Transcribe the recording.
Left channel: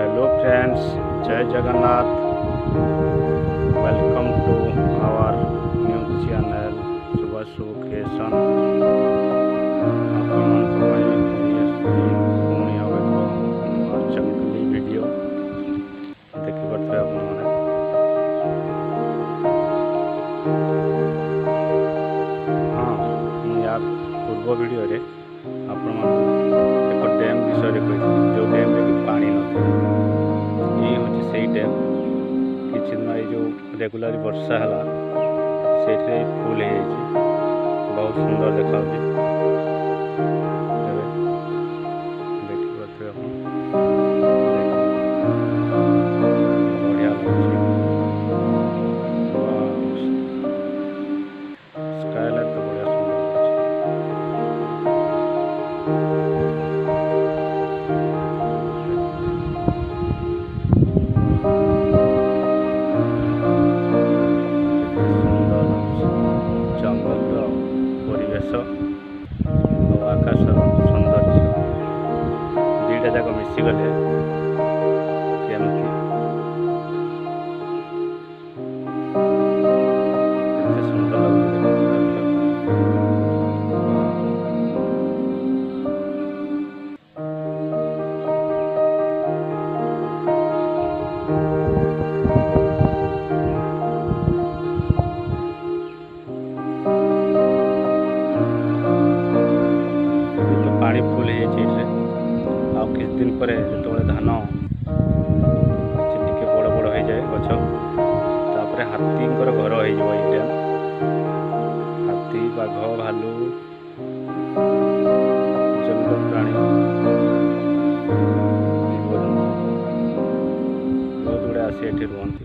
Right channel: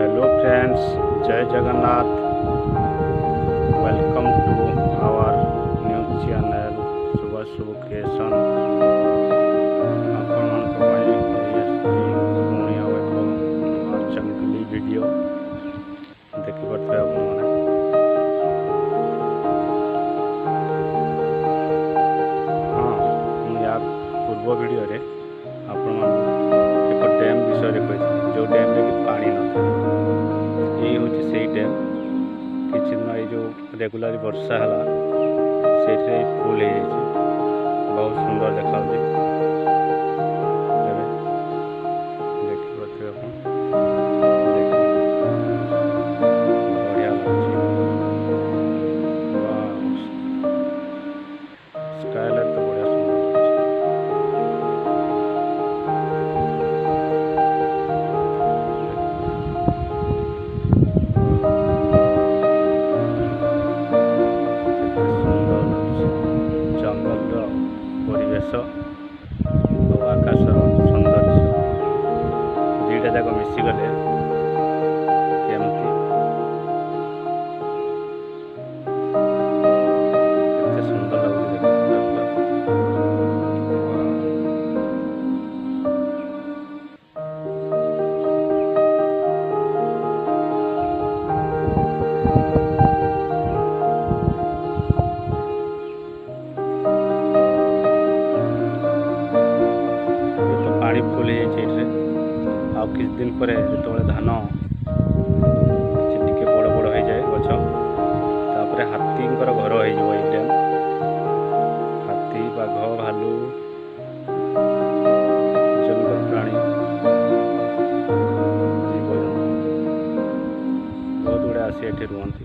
Hello friends, जय Jagannath. Welcome to our news channel Shubhashu creation. ଆପଣମାନଙ୍କ ପାଇଁ ନେଇ ଆସିଛି ପୁଣି ଆଉ ଏକ ନୂଆ ଜଙ୍ଗଲି ଭିଡ଼ିଓ ଦେଖିପାରୁଥିବେ ଆପଣମାନେ। ହଁ, ମୁଁ ୟା ପୂର୍ବ ଭିଡ଼ିଓରେ ଆପଣମାନଙ୍କୁ ଏକ ଡ୍ୟାମ୍ ବିଷୟରେ କହିଥିଲି, ଯେଉଁ ଡ୍ୟାମ୍ରେ କି ପାଣି ନଥିଲା। ଏଇ ହେଉଛି ସେଇ ଡ୍ୟାମ୍। କିଛି ଦିନ ଏଇ ଯେଉଁ ରେଗୁଲାର ବର୍ଷା ହେଲା ସେଇଥିରେ ଫୁଲ୍ ହେଇଯାଇଛି, ବହୁତ ସୁନ୍ଦର ଦେଖାଯାଉଛି। ଏବେ ଦେଖିପାରୁଥିବେ ଆପଣ, ବଢ଼ିଆ ଲାଗୁଛି। ସ୍କାଏଲାଇଟ୍ ତ ବଢ଼ିଆ ସୁନ୍ଦର ଲାଗୁଛି। ଜଙ୍ଗଲର ପରିବେଶ ଆଉ ଆକାଶର ସୌନ୍ଦର୍ଯ୍ୟ ଦୁଇଟା ଯାକ ମିଶିଗଲେ କେମିତି କେତେ ସୁନ୍ଦର ଲାଗୁଛି ଦେଖନ୍ତୁ। ପାଣି ଫୁଲ୍ ହେଇଯାଇଛି ଏଇଠିରେ। ଆଉ କିଛି ଦିନ ପରେ ଯେତେବେଳେ ଧାନ ଟିକେ ବଡ଼ ବଡ଼ ହେଇଯାଏ ଗଛ, ତାପରେ ହାତୀଙ୍କର ଘର ହେଇଯିବ ଏଇ ଡ୍ୟାମ୍। ହାତୀ, ବାଘ, ଭାଲୁ, ଜଙ୍ଗଲ ପ୍ରାଣୀ, ଜୀବଜନ୍ତୁ ବହୁତ ଗୁଡ଼ାଏ ଆସି ଏଠି ରୁହନ୍ତି।